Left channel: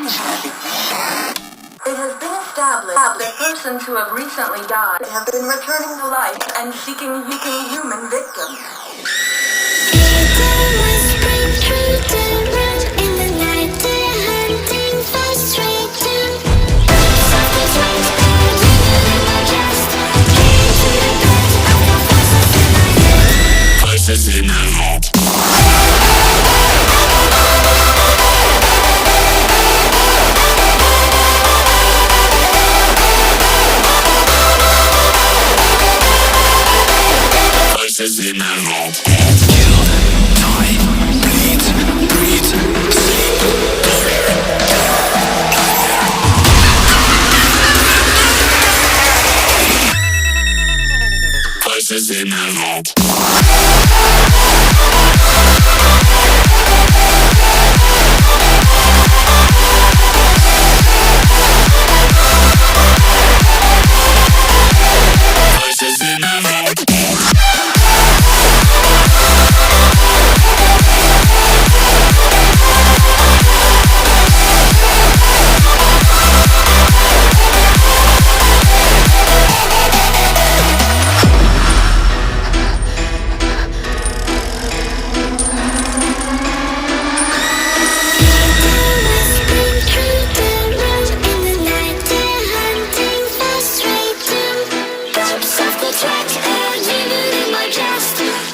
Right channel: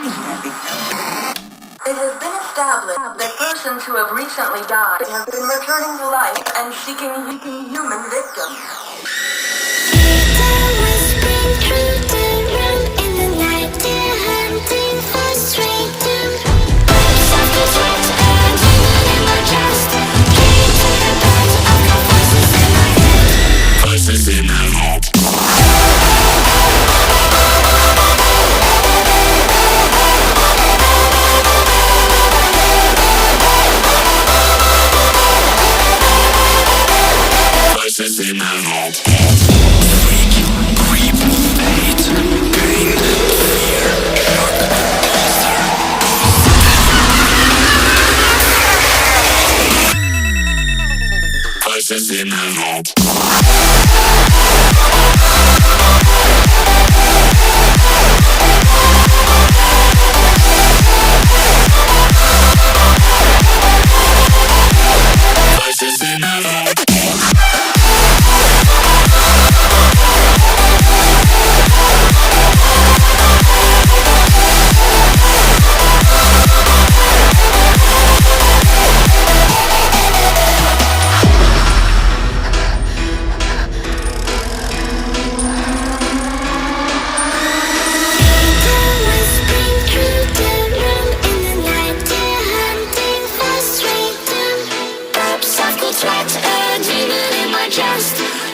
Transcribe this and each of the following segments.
It has been established that persons who have recently died have been returning to life and seeking human victims. It always been through the room in the night. They're hunting for straight doom. Softly sweat, demon in my chest. Came to the bed, I've got voices in my head. Voices in my head. Voices in my head. Voices in my head. Voices in my head.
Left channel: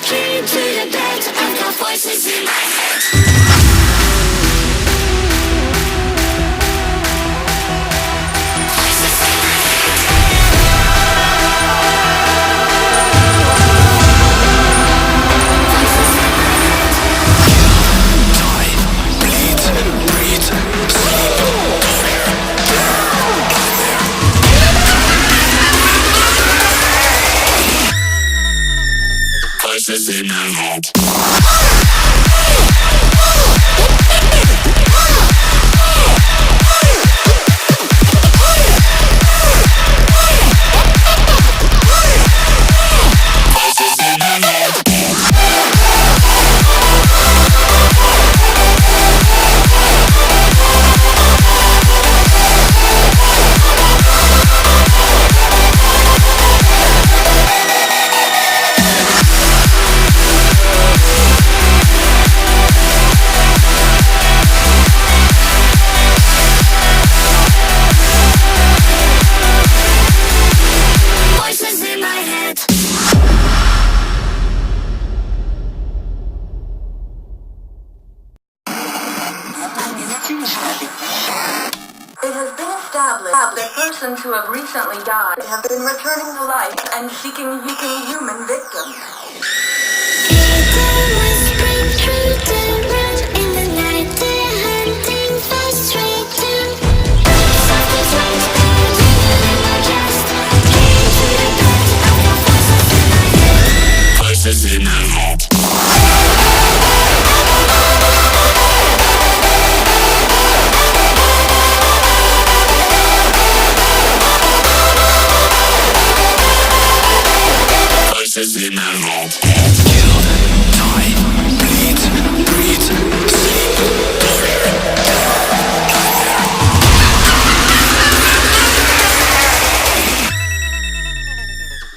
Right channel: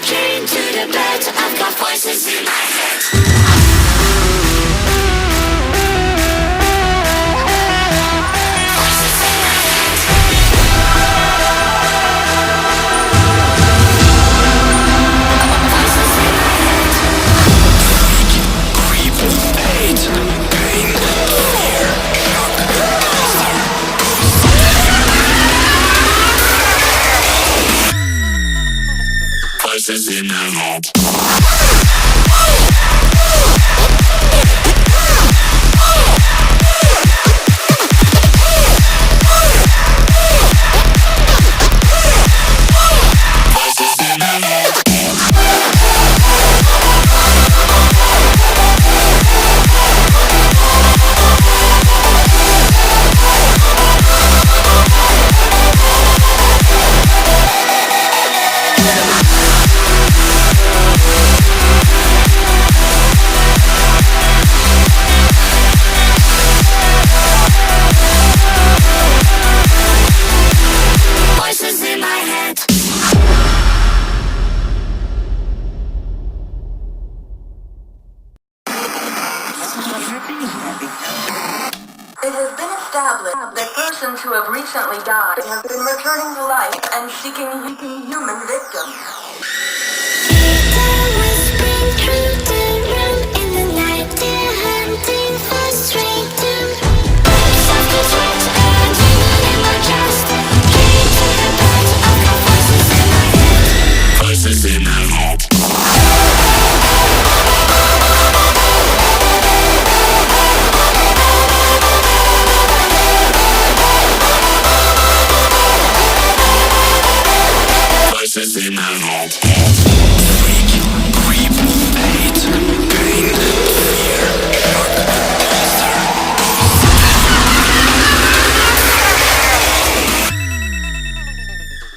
Came to the bed, I've got voices in my head. Voices in my head. It has been established that persons who have recently died have been returning to life and seeking human victims. It always been through the room in the night. They're hunting for straight doom. Softly sweat, demon in my chest. Came to the bed, I've got voices in my head. Voices in my head. Voices in my head.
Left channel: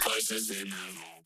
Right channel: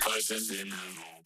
Voices in my head.